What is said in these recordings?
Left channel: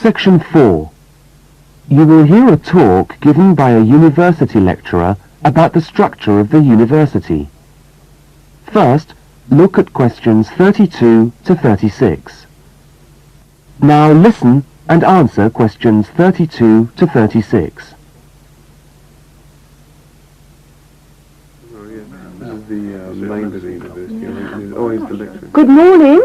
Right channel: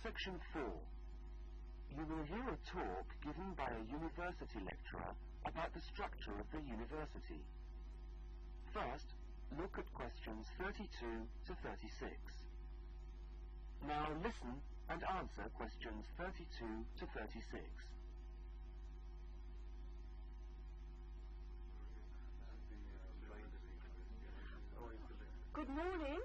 Section 4. You will hear a talk given by a university lecturer about the structure of the university. First, look at questions 32 to 36. Now listen and answer questions 32 to 36. Good morning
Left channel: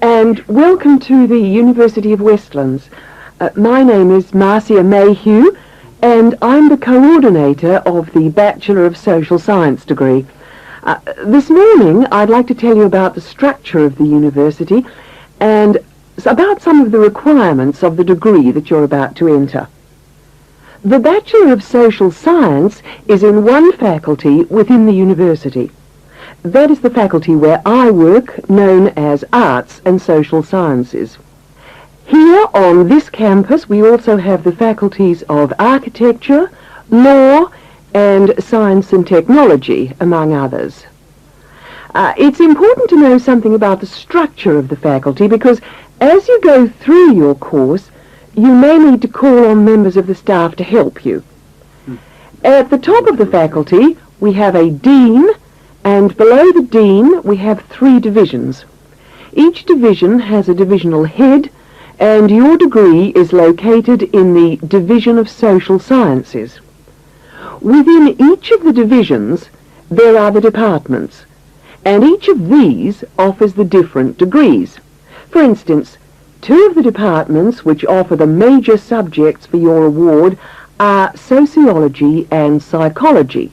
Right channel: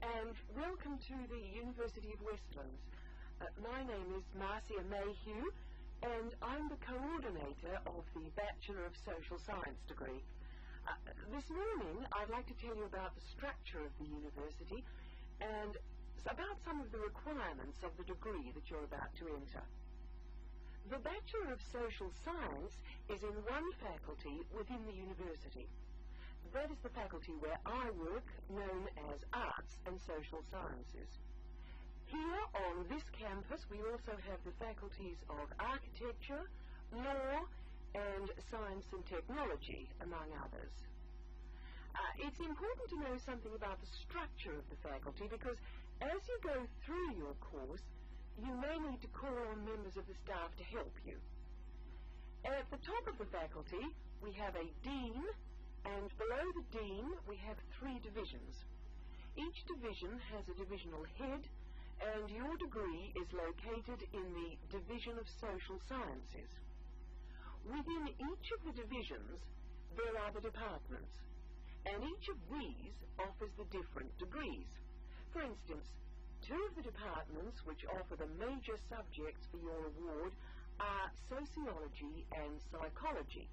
and welcome to the University of Westlands. My name is Marcia Mayhew and I'm the coordinator of the Bachelor of Social Science degree. This morning I'd like to tell you about the structure of the university and about some of the requirements of the degree that you're about to enter. The Bachelor of Social Science is in one faculty within the university. That is the faculty where I work, known as Arts and Social Sciences. Here on this campus we also have the faculties of Architecture, Law and Science and Technology, among others. It's important to know something about the structure of the faculty because as you go through your course you may need to call on members of the staff to help you. At the top of the faculty we have a dean, and below the dean we have 3 divisions. Each division has a divisional head, and your degree is located in the Division of Social Sciences. Within each of the divisions there are the departments, and each of these offers the different degrees. For instance, 2 of the departments which offer the major subjects for your award are Sociology and Psychology.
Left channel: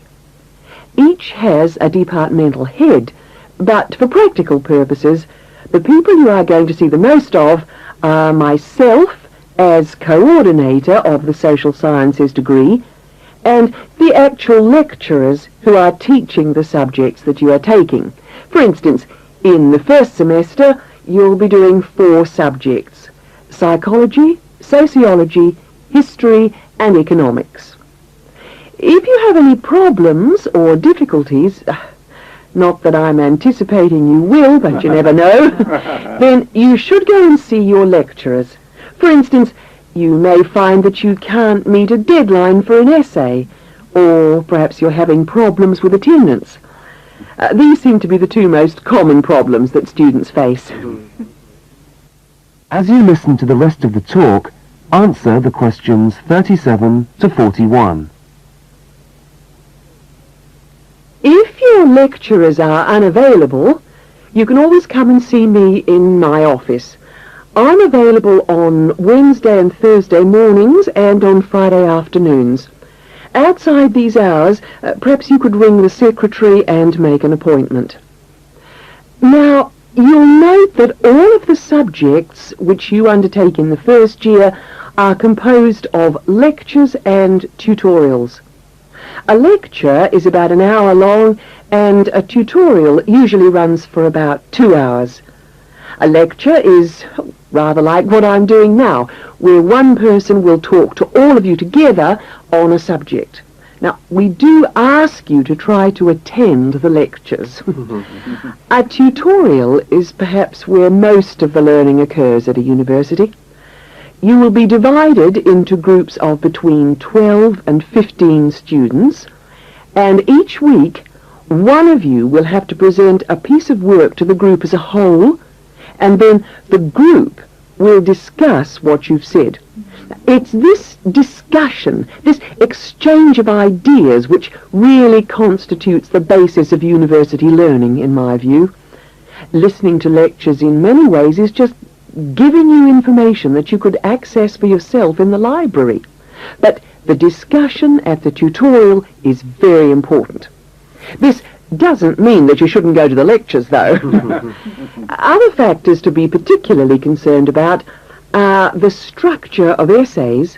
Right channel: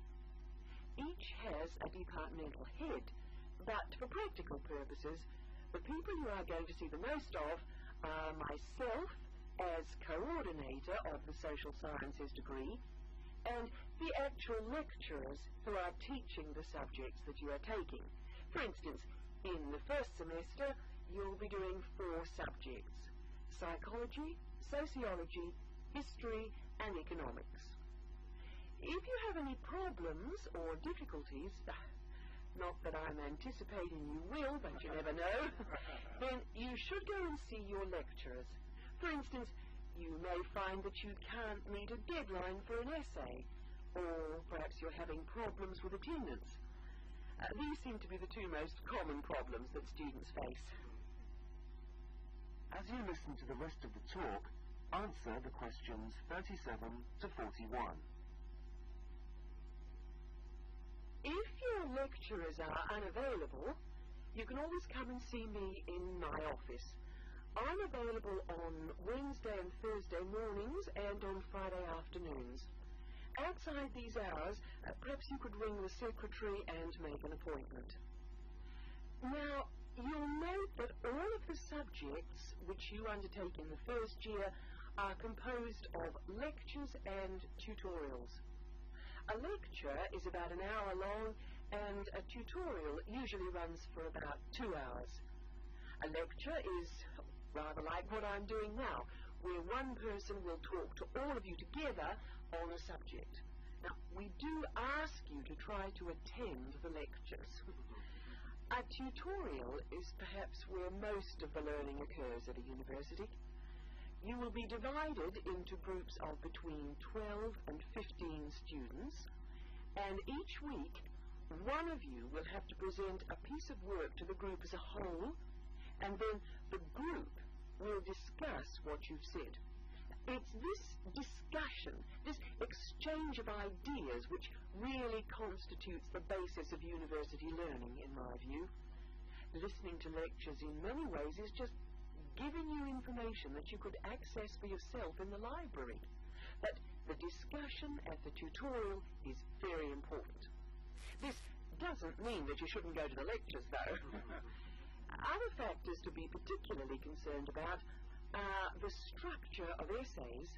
Each has a departmental head, but for practical purposes, the people you are going to see the most of are myself as coordinator of the Social Sciences degree, and the actual lecturers who are teaching the subjects that you are taking. For instance, in the first semester, you'll be doing 4 subjects: psychology, sociology, history, and economics. If you have any problems or difficulties, not that I'm anticipating you will, but you never know, then you should go and see your lecturers. For instance, you may find that you can't meet a deadline for an essay, or perhaps you're having problems with attendance. These seem to be the 2 most common problems that students face. As you listen to the rest of the talk, answer the questions 37 to 41. If your lecturers are unavailable, you can always come and see me in my office. I'm available on Wednesday and Thursday mornings and on Friday afternoons. Outside these hours, perhaps you could ring the secretary and make an appointment. Now, you'll note that all of the subjects which you undertake in the first year are composed of lectures and tutorials. A lecture is about an hour long, and a tutorial usually runs for about 2 hours. A lecture is rather like what I'm doing now, where one person will talk to all of you together on a subject. Now, we do ask you to try to attend the lectures. A tutorial is perhaps where most of the learning occurs at a university. You will be divided into groups of between 12 and 15 students, and each week one of you will have to present a piece of work to the group as a whole, and then the group will discuss what you've said. It's this discussion, this exchange of ideas, which really constitutes the basis of university learning, in my view. Listening to lectures in many ways is just giving you information that you could access for yourself in the library. But the discussion at the tutorial is very important. This doesn't mean that you shouldn't go to the lectures, though. Other factors to be particularly concerned about are the structure of essays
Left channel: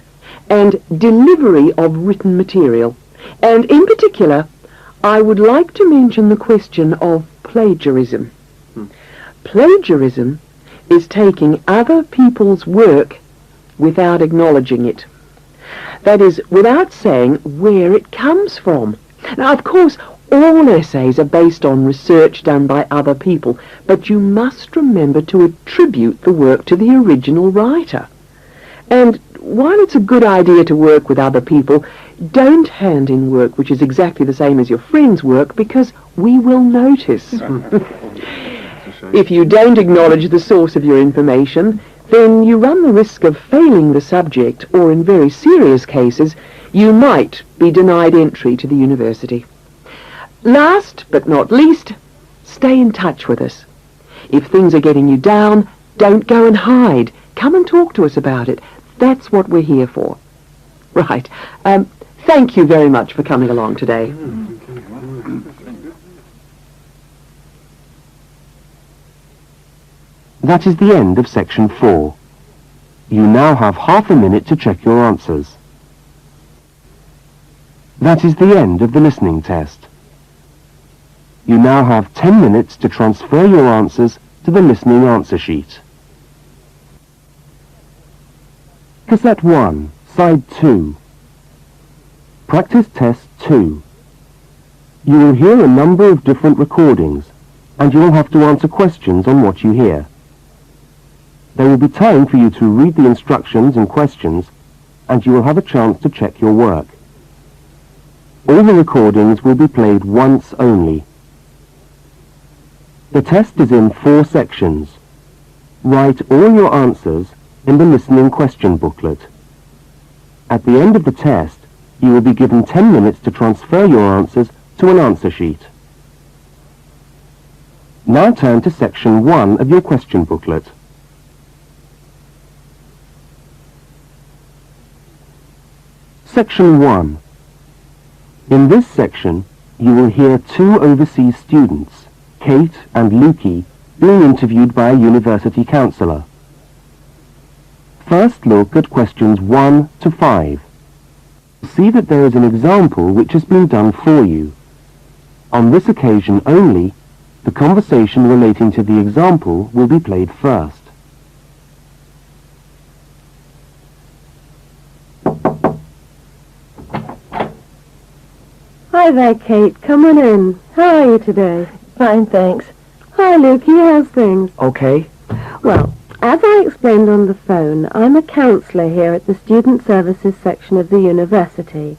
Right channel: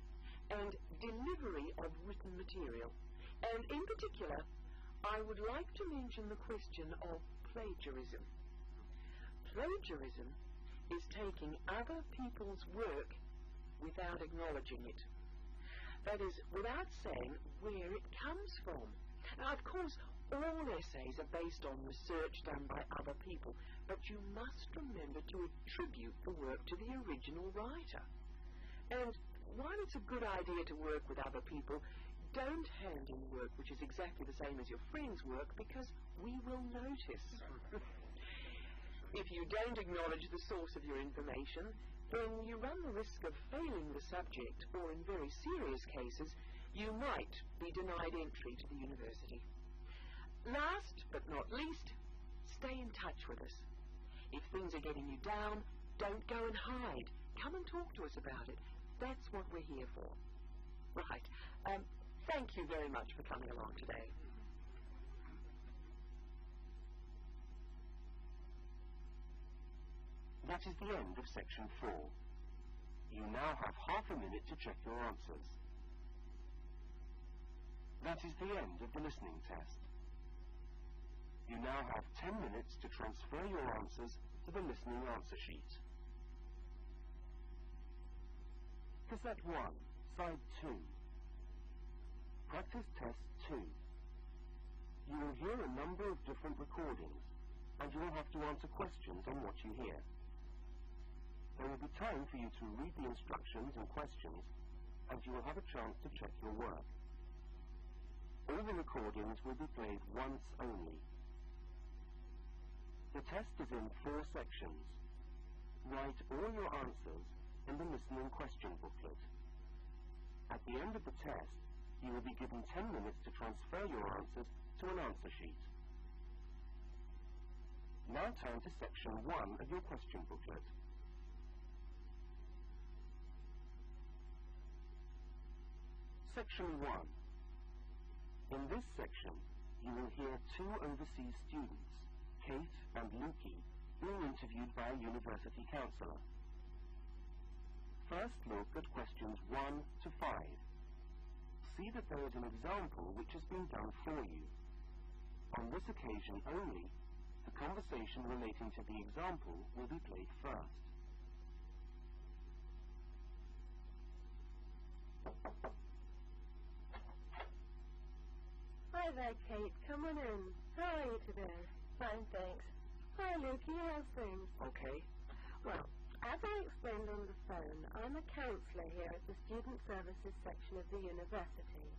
and delivery of written material. And in particular, I would like to mention the question of plagiarism. Plagiarism is taking other people's work without acknowledging it. That is, without saying where it comes from. Now, of course, all essays are based on research done by other people, but you must remember to attribute the work to the original writer. And while it's a good idea to work with other people, don't hand in work which is exactly the same as your friend's work, because we will notice. If you don't acknowledge the source of your information, then you run the risk of failing the subject, or in very serious cases, you might be denied entry to the university. Last but not least, stay in touch with us. If things are getting you down, don't go and hide. Come and talk to us about it. That's what we're here for. Right. Thank you very much for coming along today. That is the end of Section 4. You now have half a minute to check your answers. That is the end of the listening test. You now have 10 minutes to transfer your answers to the listening answer sheet. Cassette 1, Side 2. Practice Test 2. You will hear a number of different recordings, and you will have to answer questions on what you hear. There will be time for you to read the instructions and questions, and you will have a chance to check your work. All the recordings will be played once only. The test is in 4 sections. Write all your answers in the listening question booklet. At the end of the test, you will be given 10 minutes to transfer your answers to an answer sheet. Now turn to Section 1 of your question booklet. Section 1. In this section, you will hear 2 overseas students, Kate and Lukey, being interviewed by a university counsellor. First look at questions 1 to 5. See that there is an example which has been done for you. On this occasion only, the conversation relating to the example will be played first. Hi there, Kate. Come on in. How are you today? Fine, thanks. Hi, Lukey. How's things? Okay. Well, as I explained on the phone, I'm a counsellor here at the Student Services section of the university.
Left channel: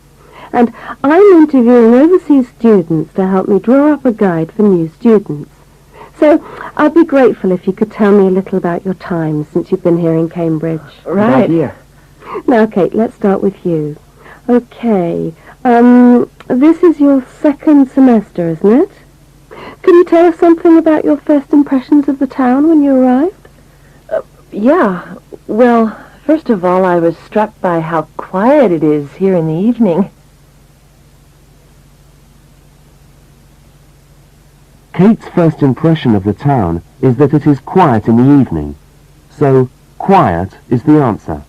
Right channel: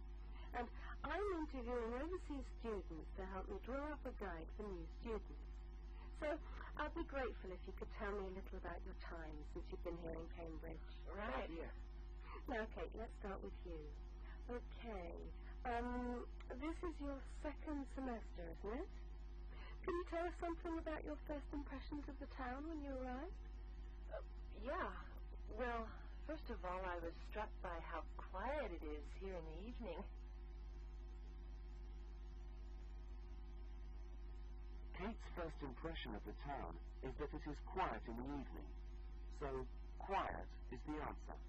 And I'm interviewing overseas students to help me draw up a guide for new students. So I'd be grateful if you could tell me a little about your time since you've been here in Cambridge. Right. Good idea. Now, Kate, let's start with you. Okay. This is your 2nd semester, isn't it? Can you tell us something about your first impressions of the town when you arrived? Yeah. Well, first of all, I was struck by how quiet it is here in the evening. Kate's first impression of the town is that it is quiet in the evening, so quiet is the answer.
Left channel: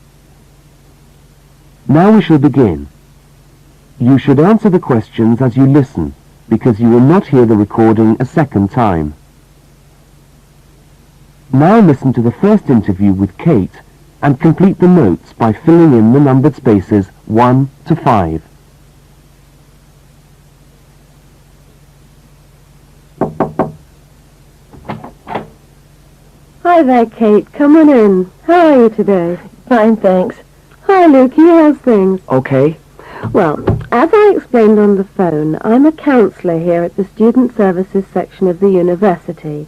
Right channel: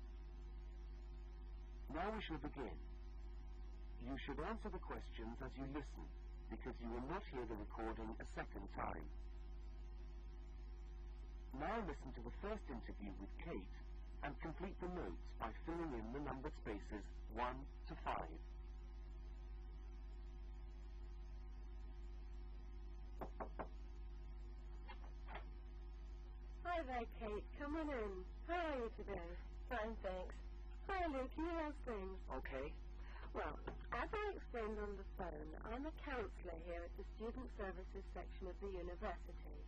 Now we shall begin. You should answer the questions as you listen, because you will not hear the recording a second time. Now listen to the first interview with Kate and complete the notes by filling in the numbered spaces 1 to 5. Hi there, Kate. Come on in. How are you today? Fine, thanks. Hi, Lukey. How's things? Okay. Well, as I explained on the phone, I'm a counsellor here at the Student Services section of the university.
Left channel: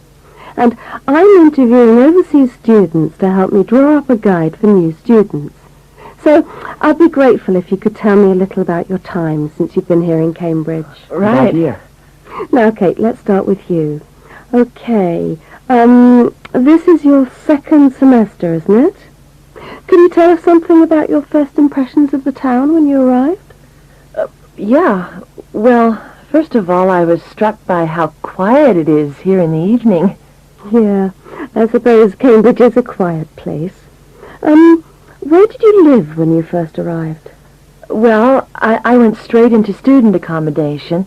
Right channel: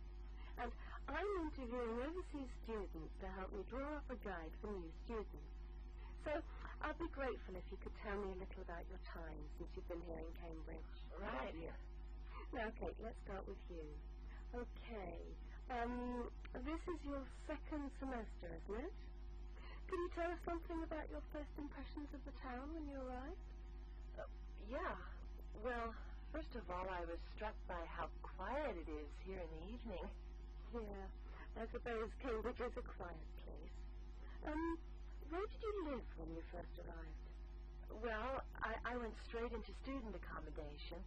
And I'm interviewing overseas students to help me draw up a guide for new students. So I'd be grateful if you could tell me a little about your time since you've been here in Cambridge. Right. Good idea. Now, Kate, let's start with you. Okay. This is your 2nd semester, isn't it? Can you tell us something about your first impressions of the town when you arrived? Yeah. Well, first of all, I was struck by how quiet it is here in the evening. Yeah, I suppose Cambridge is a quiet place. Where did you live when you first arrived? Well, I went straight into student accommodation.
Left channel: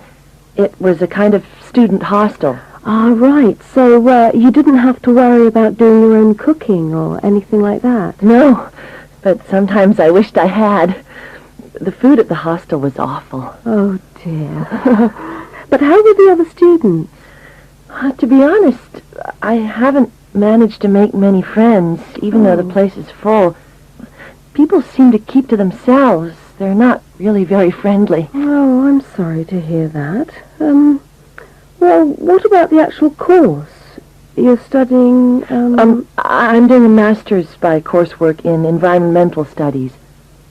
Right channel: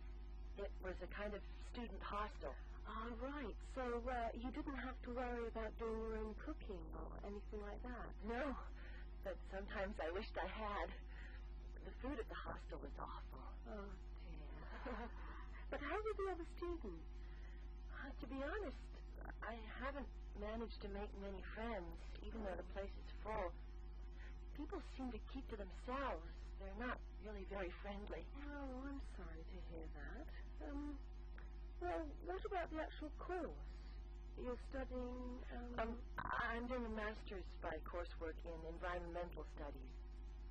It was a kind of student hostel. Ah, right. So you didn't have to worry about doing your own cooking or anything like that? No, but sometimes I wished I had. The food at the hostel was awful. Oh, dear. But how were the other students? To be honest, I haven't managed to make many friends, even though the place is full. people seem to keep to themselves. They're not really very friendly. Oh, I'm sorry to hear that. Well, what about the actual course? You're studying, I'm doing a master's by coursework in environmental studies.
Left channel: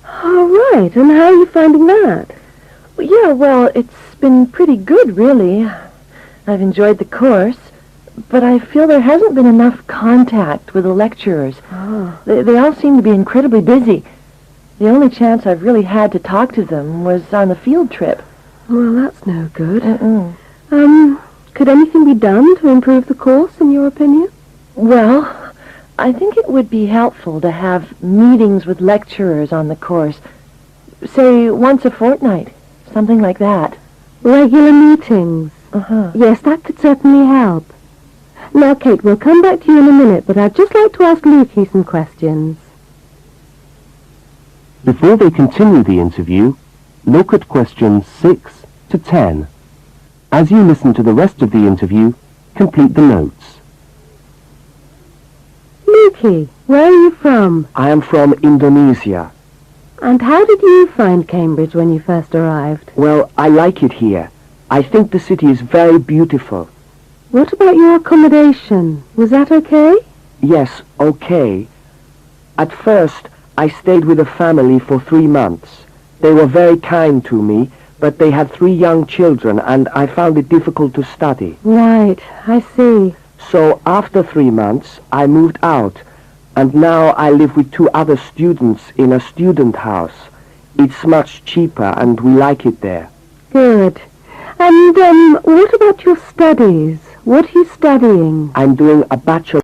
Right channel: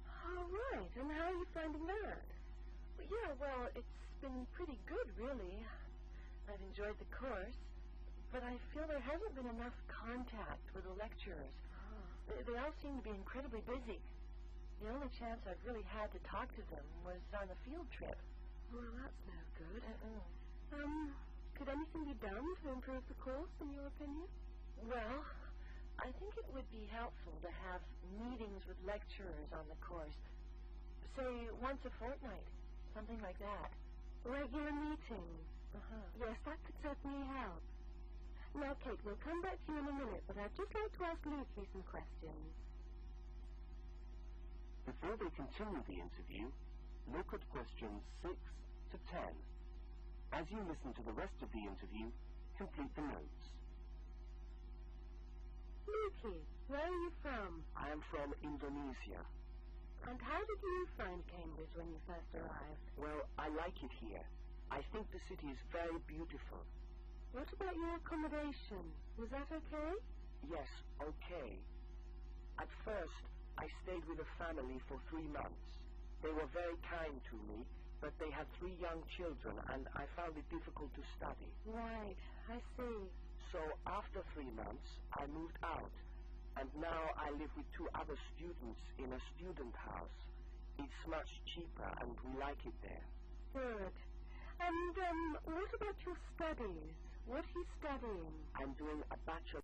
Oh, right. And how are you finding that? Yeah, well, it's been pretty good, really. I've enjoyed the course, but I feel there hasn't been enough contact with the lecturers. Oh. They all seem to be incredibly busy. The only chance I've really had to talk to them was on the field trip. Well, that's no good. Mm-mm. Could anything be done to improve the course, in your opinion? Well, I think it would be helpful to have meetings with lecturers on the course. Say, once a fortnight. Something like that. Regular meetings. Uh-huh. Yes, that could certainly help. Now, Kate, we'll come back to you in a minute, but I'd just like to ask Lukey some questions. Before they continue the interview, look at questions 6 to 10. As you listen to the rest of the interview, complete the notes. Lukey, where are you from? I am from Indonesia. And how did you find Cambridge when you first arrived? Well, I like it here. I think the city is very beautiful. What about your accommodation? Was that okay? Yes, okay. At first, I stayed with a family for 3 months. They were very kind to me, but they had 3 young children, and I found it difficult to study. Right, I see. So after 3 months, I moved out, and now I live with 2 other students in a student house. It's much cheaper, and we like it there. Good. And, what about your studies? What are you studying? I'm doing a bachelor